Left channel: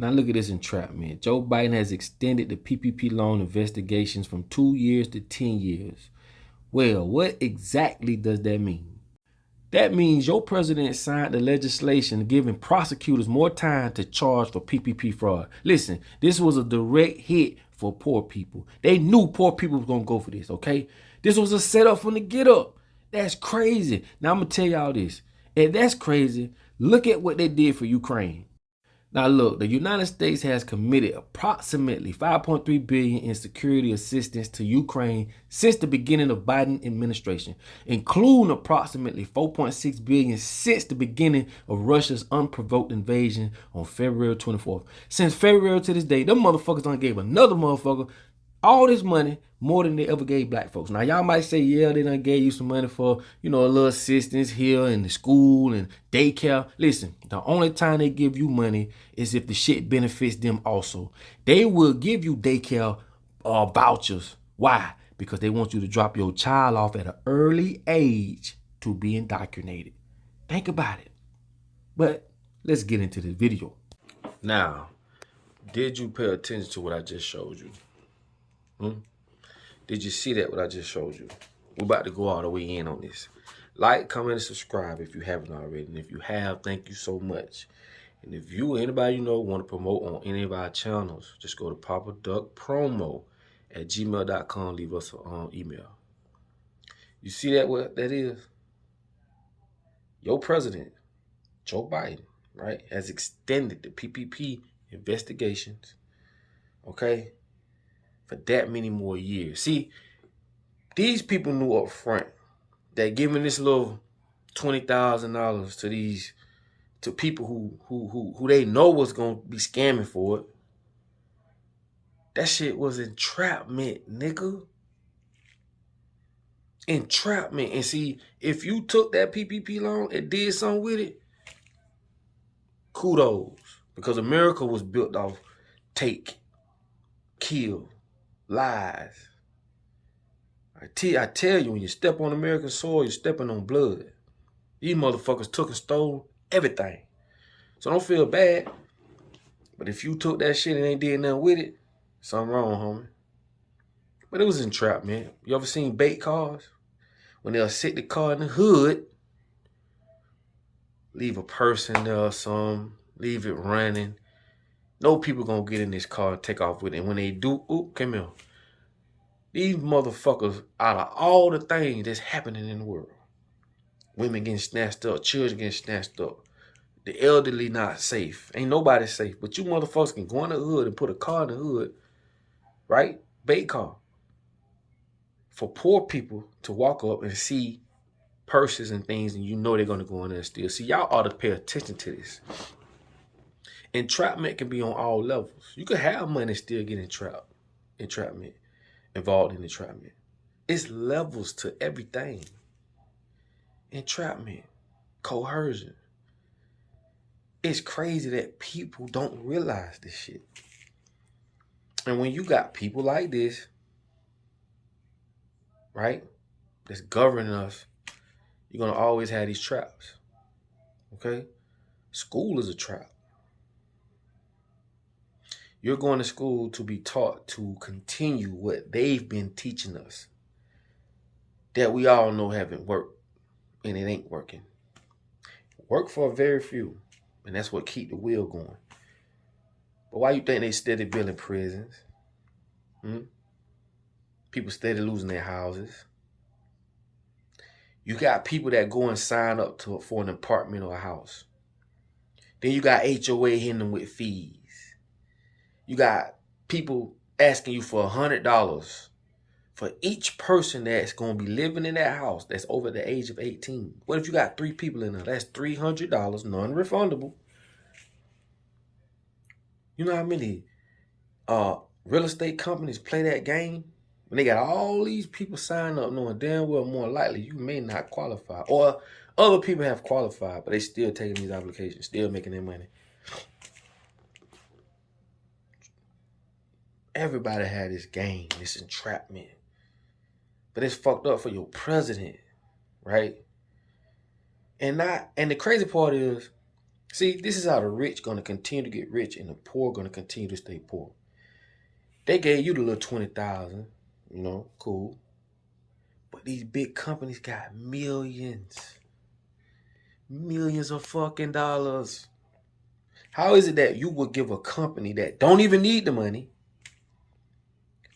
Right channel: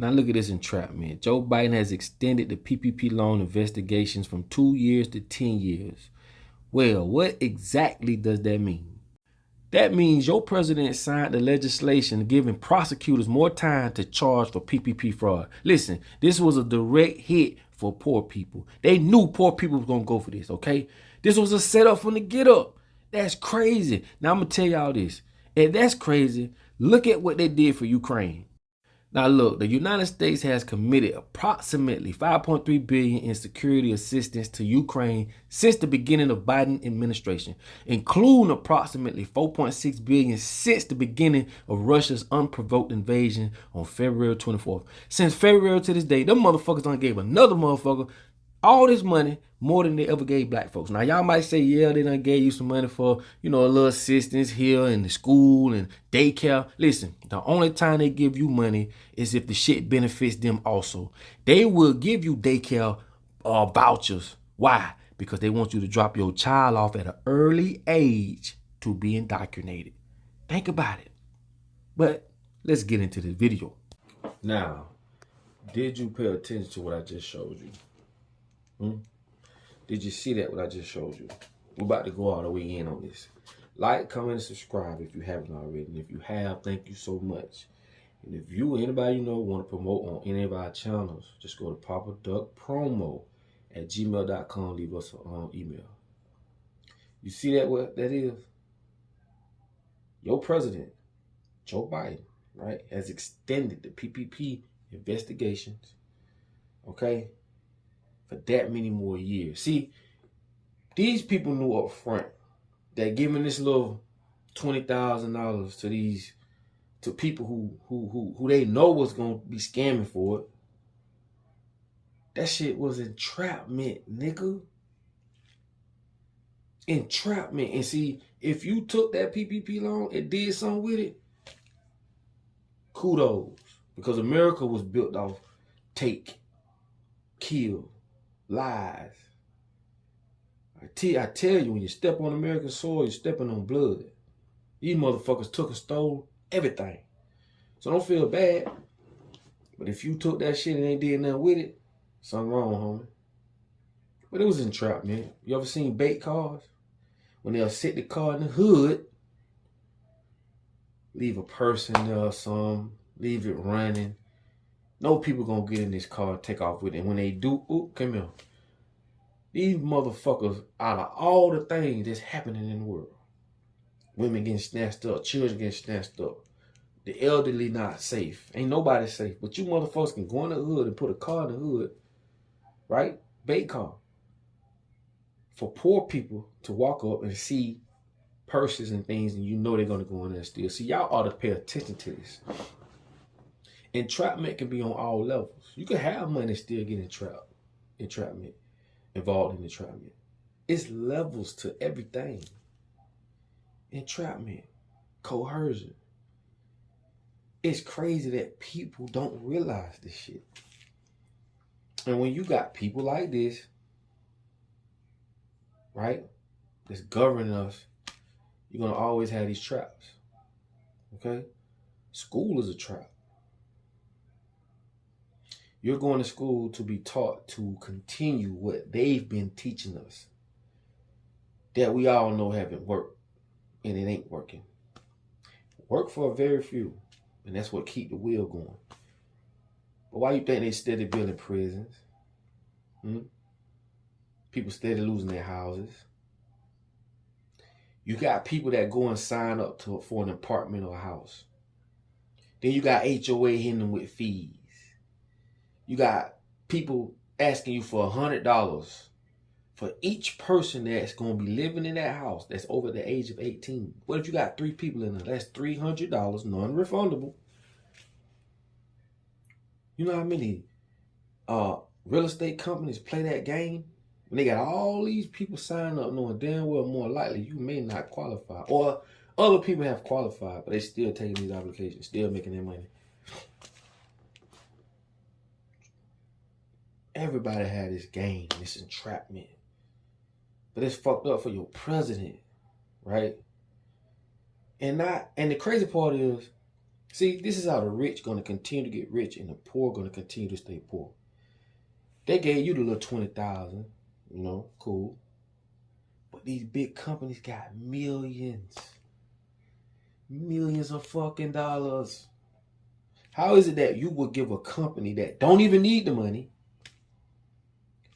Now look at this entrapment. Joe Biden has extended the PPP loan investigations from 2 years to 10 years. Well, what exactly does that mean? That means your president signed the legislation giving prosecutors more time to charge for PPP fraud. Listen, this was a direct hit for poor people. They knew poor people was going to go for this, okay? This was a setup from the get up. That's crazy. Now I'm going to tell y'all this. If that's crazy, look at what they did for Ukraine. Now look, the United States has committed approximately $5.3 billion in security assistance to Ukraine since the beginning of Biden administration, including approximately $4.6 billion since the beginning of Russia's unprovoked invasion on February 24th. Since February to this day, them motherfuckers done gave another motherfucker all this money, more than they ever gave black folks. Now, y'all might say, yeah, they done gave you some money for, a little assistance here in the school and daycare. Listen, the only time they give you money is if the shit benefits them also. They will give you daycare vouchers. Why? Because they want you to drop your child off at an early age to be indoctrinated. Think about it. But let's get into this video. Now, did you pay attention to what I just showed you? Did you see that what I just showed you? We're about to go all the way in on this. Like, comment, and subscribe if you haven't already. And if you have, thank you so much. And if you or anybody you know want to promote on any of our channels, just go to papaduckpromo@gmail.com. Leave us an email. You see that what that is? Your president, Joe Biden, right, has extended the PPP investigations, okay, for that many more years. See, these people knew up front that giving this little $20,000 to people who they know was gonna be scamming for it, that shit was entrapment, nigga. Entrapment. And see, if you took that PPP loan and did something with it, kudos, because America was built off take, kill, lies. I tell you, when you step on American soil, you're stepping on blood. These motherfuckers took and stole everything. So don't feel bad. But if you took that shit and ain't did nothing with it, something wrong, homie. But it was entrapment. You ever seen bait cars? When they'll sit the car in the hood, leave a person there or something, leave it running. No people gonna get in this car and take off with it. And when they do, oop, come here. These motherfuckers, out of all the things that's happening in the world, women getting snatched up, children getting snatched up, the elderly not safe. Ain't nobody safe. But you motherfuckers can go in the hood and put a car in the hood, right? Bait car. For poor people to walk up and see purses and things, and you know they're gonna go in there and steal. See, y'all ought to pay attention to this. Entrapment can be on all levels. You can have money and still get entrapment, involved in entrapment. It's levels to everything. Entrapment, coercion. It's crazy that people don't realize this shit. And when you got people like this, right, that's governing us, you're gonna always have these traps, okay? School is a trap. You're going to school to be taught to continue what they've been teaching us that we all know haven't worked, and it ain't working. Work for a very few, and that's what keep the wheel going. But why you think they steady building prisons? People steady losing their houses. You got people that go and sign up for an apartment or a house. Then you got HOA hitting them with fees. You got people asking you for $100 for each person that's going to be living in that house that's over the age of 18. What if you got 3 people in there? That's $300, non-refundable. You know how many real estate companies play that game? When they got all these people sign up knowing damn well more likely you may not qualify. Or other people have qualified, but they still taking these applications, still making their money. Everybody had this game, this entrapment. But it's fucked up for your president, right? And the crazy part is, See, this is how the rich going to continue to get rich and the poor going to continue to stay poor. They gave you the little 20,000, cool. But these big companies got millions of fucking dollars. How is it that you would give a company that don't even need the money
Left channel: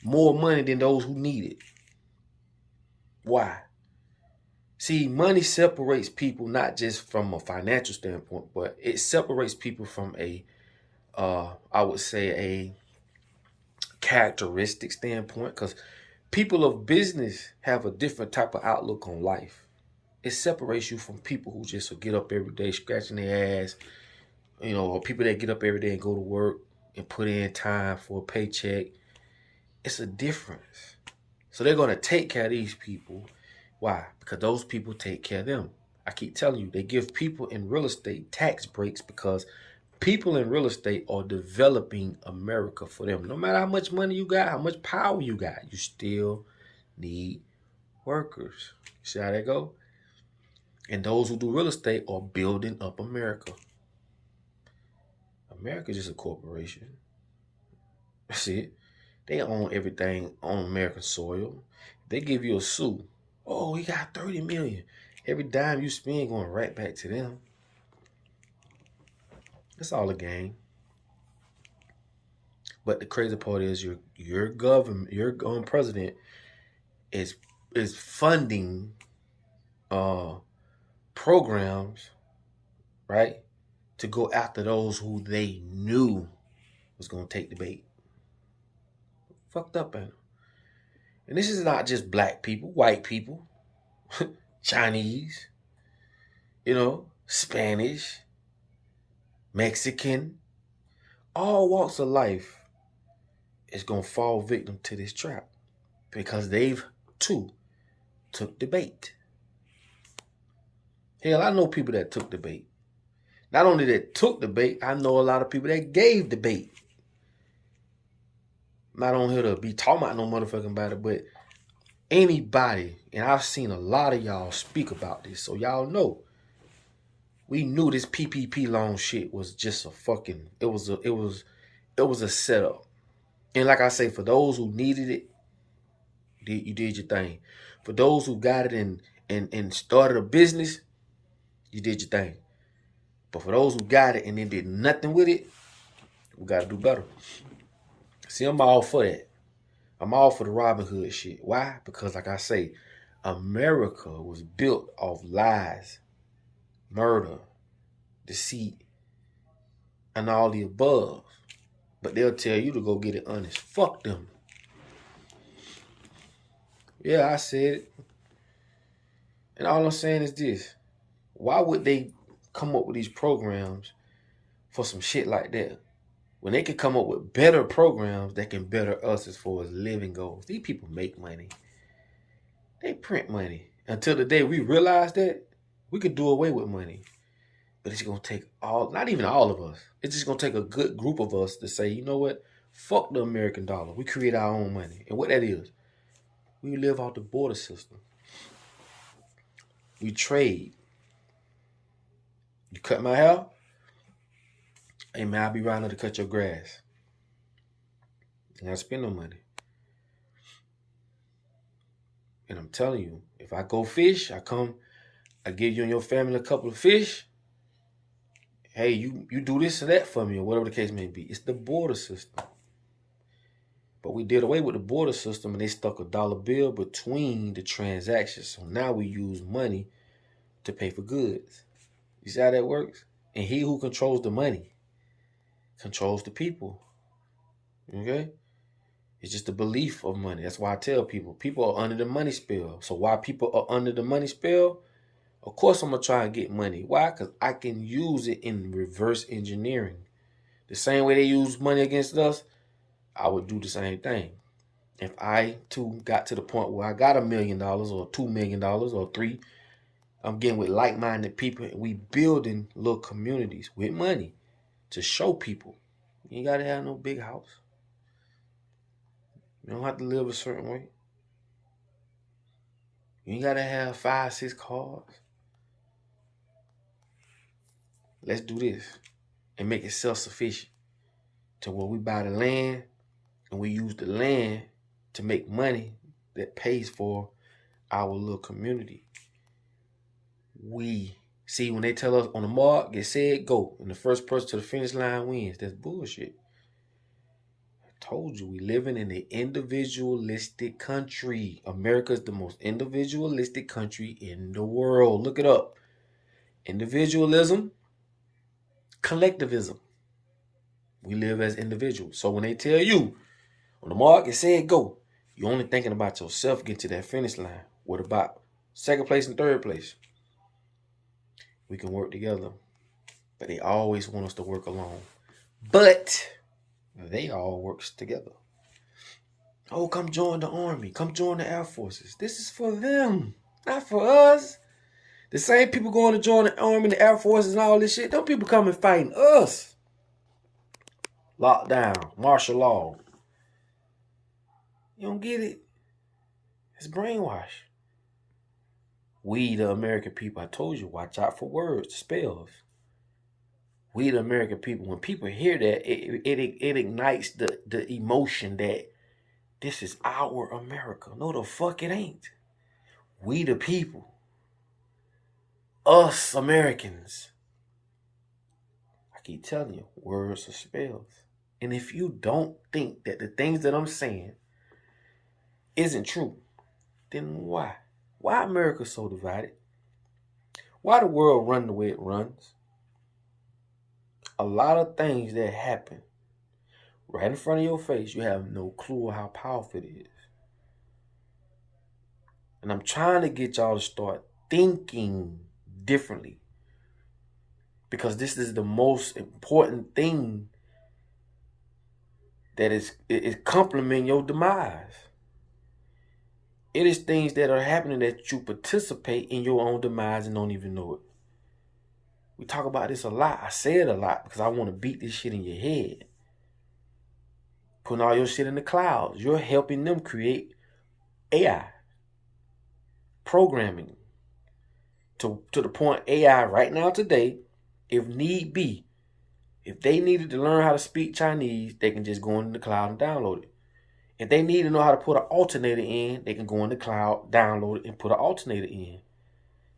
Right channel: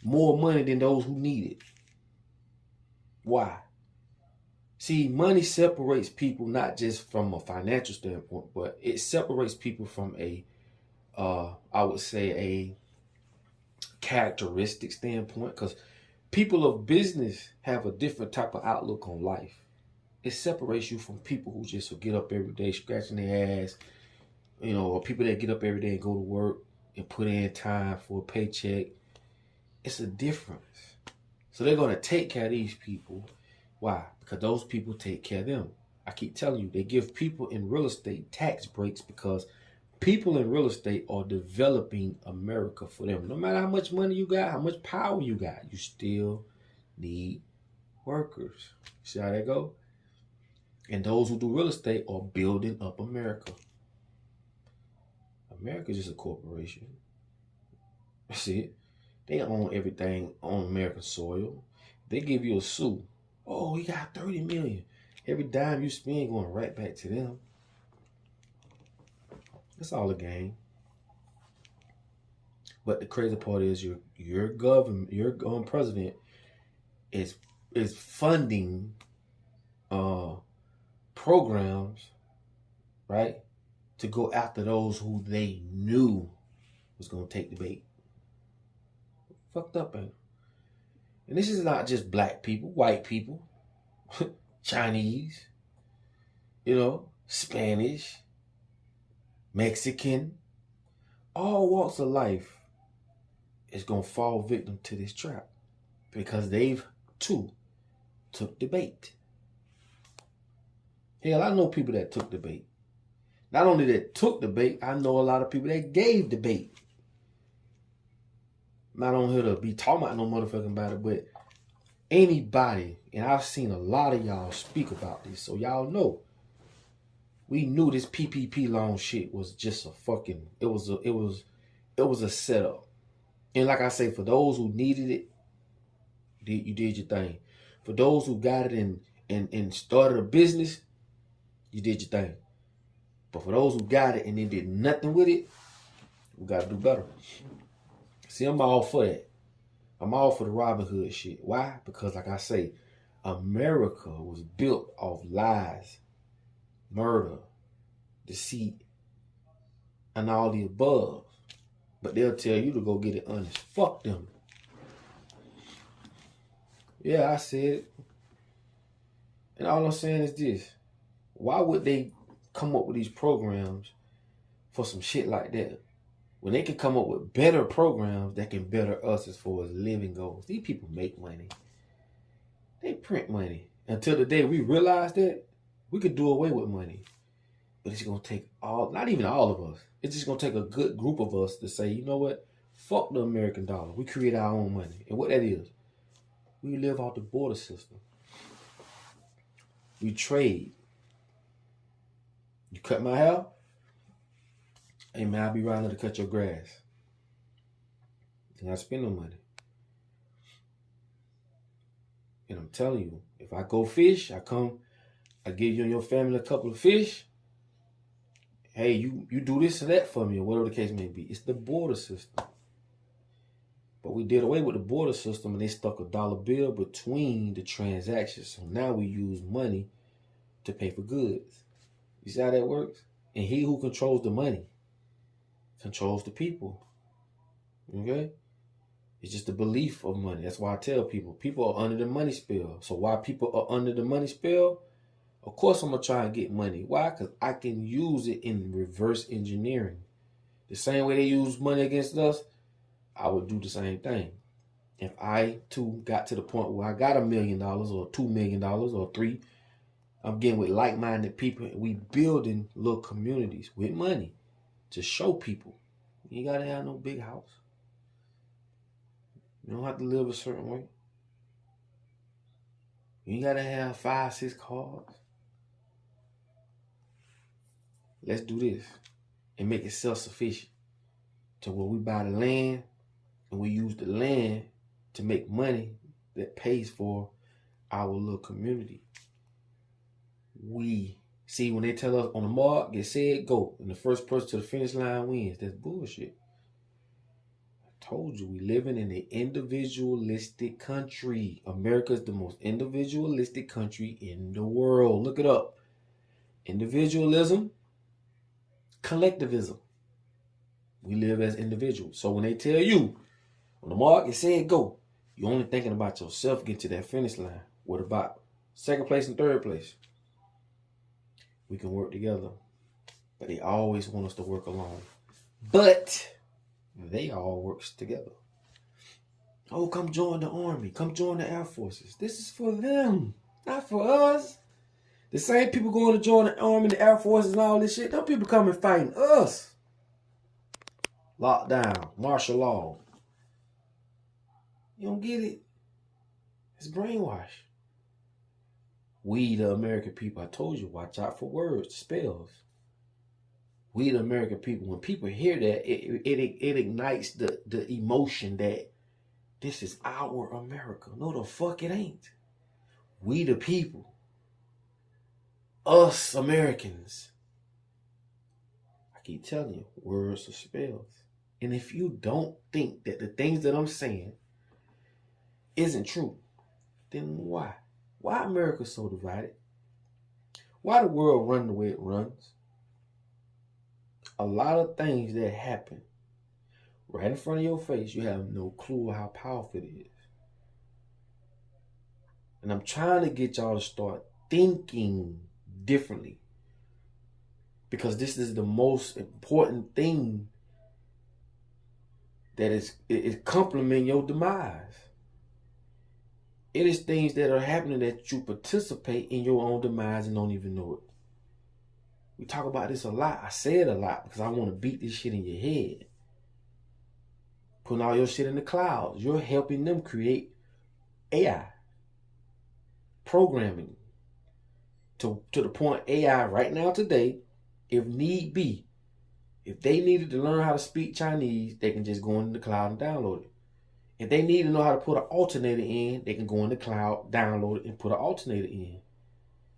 more money than those who need it? Why? See, money separates people not just from a financial standpoint, but it separates people from I would say a characteristic standpoint, because people of business have a different type of outlook on life. It separates you from people who just will get up every day scratching their ass, or people that get up every day and go to work and put in time for a paycheck. It's a difference. So they're going to take care of these people. Why? Because those people take care of them. I keep telling you, they give people in real estate tax breaks because people in real estate are developing America for them. No matter how much money you got, how much power you got, you still need workers. See how that go? And those who do real estate are building up America. America is just a corporation. See it? They own everything on American soil. They give you a sue. Oh, he got 30 million. Every dime you spend going right back to them. That's all a game. But the crazy part is your government, your president is funding programs, right, to go after those who they knew was going to take the bait. Fucked up, man. And this is not just black people, white people, Chinese, Spanish, Mexican, all walks of life is going to fall victim to this trap because they've too took the bait. Hell, I know people that took the bait. Not only that took the bait, I know a lot of people that gave the bait. I'm not on here to be talking about no motherfucking about it, but anybody, and I've seen a lot of y'all speak about this, so y'all know. We knew this PPP loan shit was just a fucking, it was a setup. And like I say, for those who needed it, you did your thing. For those who got it and started a business, you did your thing. But for those who got it and then did nothing with it, we got to do better. See, I'm all for that. I'm all for the Robin Hood shit. Why? Because like I say, America was built off lies, murder, deceit, and all the above. But they'll tell you to go get it honest. Fuck them. Yeah, I said it. And all I'm saying is this. Why would they come up with these programs for some shit like that when they can come up with better programs that can better us as far as living goes? These people make money. They print money. Until the day we realize that, we could do away with money. But it's going to take not even all of us. It's just going to take a good group of us to say, you know what? Fuck the American dollar. We create our own money. And what that is, we live off the border system. We trade. You cut my hair? Hey man, I'll be around to cut your grass. And I spend no money. And I'm telling you, if I go fish, I give you and your family a couple of fish. Hey, you do this or that for me, or whatever the case may be. It's the border system. But we did away with the border system and they stuck a dollar bill between the transactions. So now we use money to pay for goods. You see how that works? And he who controls the money controls the people. Okay? It's just the belief of money. That's why I tell people are under the money spell. So why people are under the money spell? Of course I'm going to try and get money. Why? Because I can use it in reverse engineering. The same way they use money against us, I would do the same thing. If I too got to the point where I got $1 million or $2 million or $3 million, I'm getting with like-minded people and we building little communities with money to show people. You ain't got to have no big house. You don't have to live a certain way. You ain't got to have 5, 6 cars. let's do this and make it self-sufficient to where we buy the land and we use the land to make money that pays for our little community. We see when they tell us on the mark, get said, go. And the first person to the finish line wins. That's bullshit. I told you, we living in an individualistic country. America is the most individualistic country in the world. Look it up. Individualism, collectivism. We live as individuals. So when they tell you, on the mark, it said go, you're only thinking about yourself getting to that finish line. What about second place and third place? We can work together. But they always want us to work alone. But they all work together. Oh, come join the Army. Come join the Air Forces. This is for them, not for us. The same people going to join the Army and the Air Forces and all this shit, those people coming fighting us. Lockdown, martial law. You don't get it? It's brainwash. We, the American people, I told you, watch out for words, spells. We, the American people, when people hear that, it ignites the emotion that this is our America. No, the fuck it ain't. We, the people. Us, Americans. I keep telling you, words are spells. And if you don't think that the things that I'm saying isn't true, then why? Why America so divided? Why the world run the way it runs? A lot of things that happen right in front of your face, you have no clue how powerful it is. And I'm trying to get y'all to start thinking differently, because this is the most important thing that is complementing your demise. It is things that are happening that you participate in your own demise and don't even know it. We talk about this a lot. I say it a lot because I want to beat this shit in your head. Putting all your shit in the clouds. You're helping them create AI. Programming. To the point AI right now today, if need be, if they needed to learn how to speak Chinese, they can just go in the cloud and download it. If they need to know how to put an alternator in, they can go in the cloud, download it, and put an alternator in.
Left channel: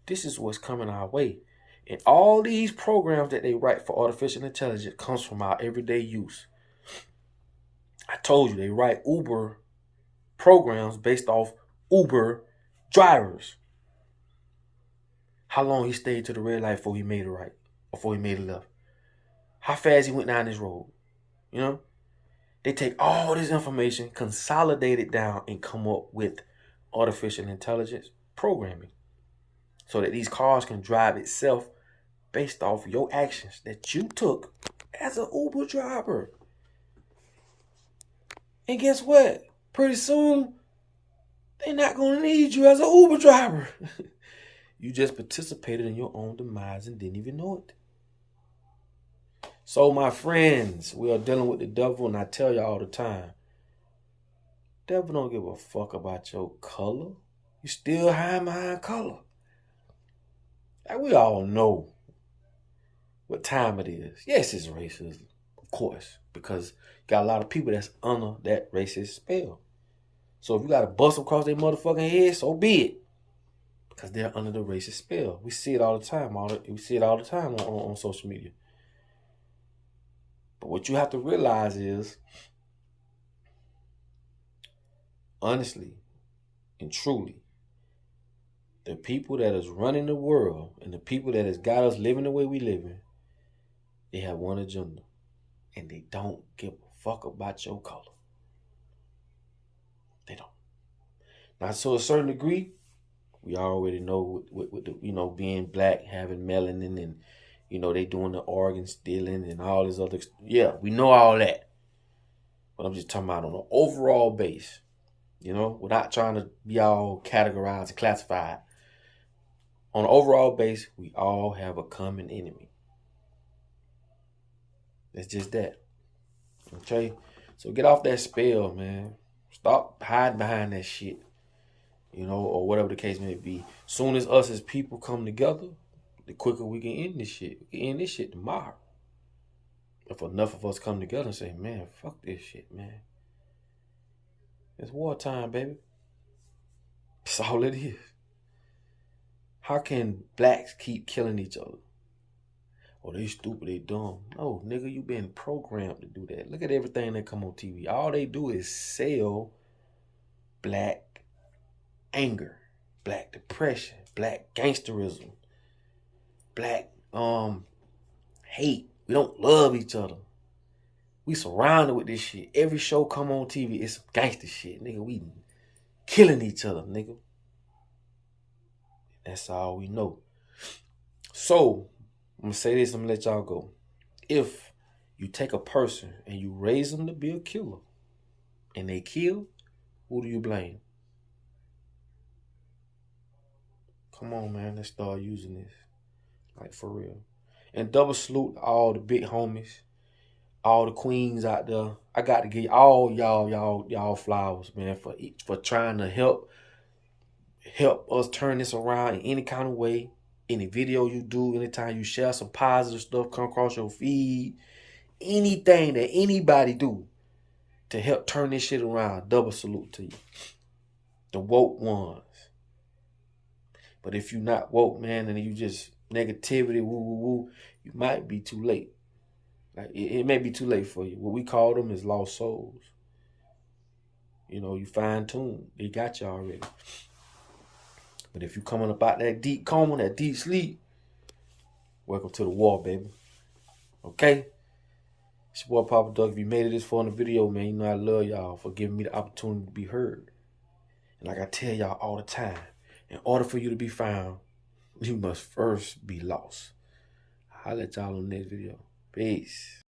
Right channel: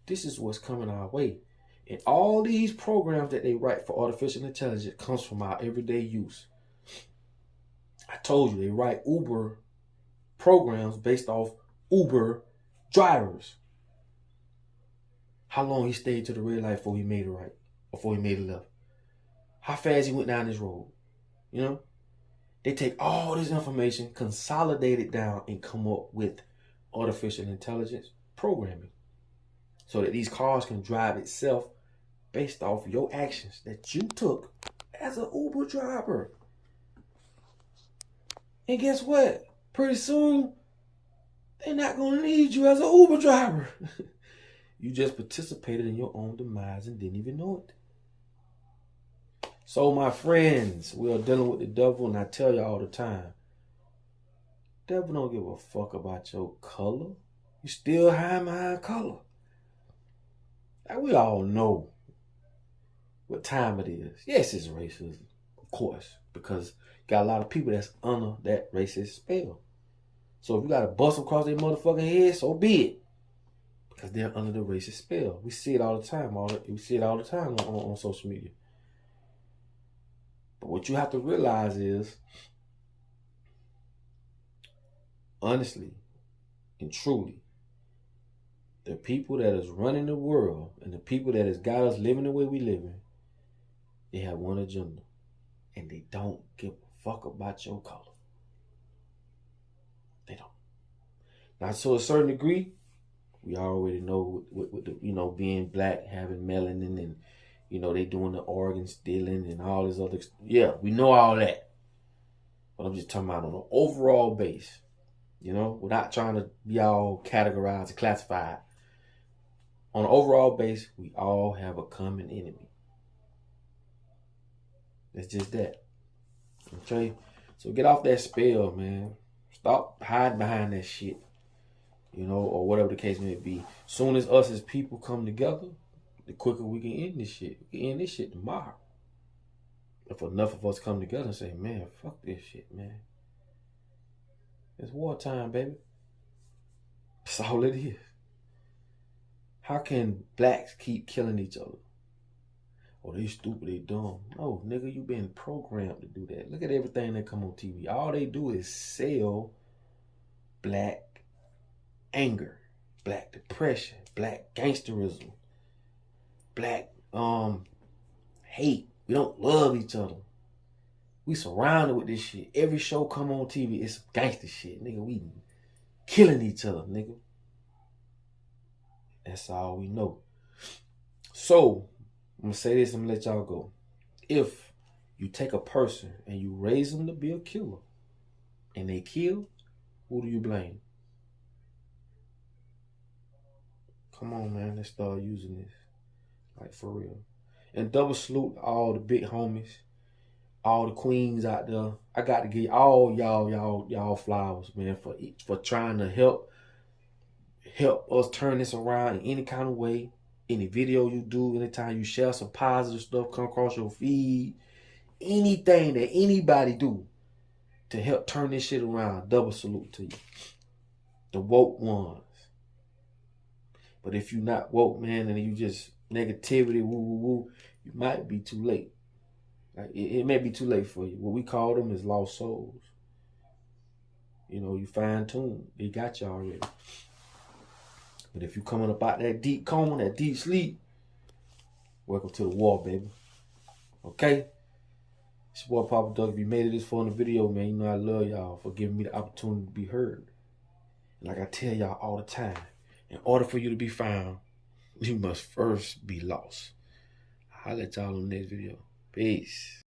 This is what's coming our way. And all these programs that they write for artificial intelligence comes from our everyday use. I told you, they write Uber programs based off Uber drivers. How long he stayed to the red light before he made it right, or before he made it left. How fast he went down this road. You know? They take all this information, consolidate it down, and come up with artificial intelligence programming. So that these cars can drive itself based off your actions that you took as an Uber driver. And guess what? Pretty soon, they're not going to need you as an Uber driver. You just participated in your own demise and didn't even know it. So, my friends, we are dealing with the devil, and I tell you all the time, the devil don't give a fuck about your color. You still hide behind color. Like, we all know what time it is. Yes, it's racism, of course, because you got a lot of people that's under that racist spell. So if you got to bust them across their motherfucking head, so be it. Because they're under the racist spell. We see it all the time. We see it all the time on social media. But what you have to realize is, honestly and truly, the people that is running the world and the people that has got us living the way we living, they have one agenda. And they don't give a fuck about your color. They don't. Now, to a certain degree, we already know with the, being black, having melanin, and, they doing the organ stealing and all this other, yeah, we know all that. But I'm just talking about on an overall base, without trying to be all categorized and classified. On an overall base, we all have a common enemy. It's just that. Okay? So get off that spell, man. Stop hiding behind that shit. Or whatever the case may be. Soon as us as people come together, the quicker we can end this shit. We can end this shit tomorrow. If enough of us come together and say, man, fuck this shit, man. It's wartime, baby. That's all it is. How can blacks keep killing each other? Oh, they stupid, they dumb. No, nigga, you been programmed to do that. Look at everything that come on TV. All they do is sell black anger, black depression, black gangsterism, black hate. We don't love each other. We surrounded with this shit. Every show come on TV, it's some gangster shit, nigga. We killing each other, nigga. That's all we know. So, I'm gonna say this, I'm gonna let y'all go. If you take a person and you raise them to be a killer, and they kill, who do you blame? Come on, man, let's start using this. Like, for real. And double salute all the big homies, all the queens out there. I got to give all y'all flowers, man, for trying to help us turn this around in any kind of way. Any video you do, anytime you share some positive stuff, come across your feed, anything that anybody do to help turn this shit around, double salute to you. The woke ones. But if you not woke, man, and you just negativity, woo, you might be too late. Like it may be too late for you. What we call them is lost souls. You know, you fine tune. They got you already. But if you coming up out that deep coma, that deep sleep, welcome to the war, baby. Okay? It's your boy Papa Duck. If you made it this far in the video, man, you know I love y'all for giving me the opportunity to be heard. And like I tell y'all all the time, in order for you to be found, you must first be lost. I'll let y'all on the next video. Peace.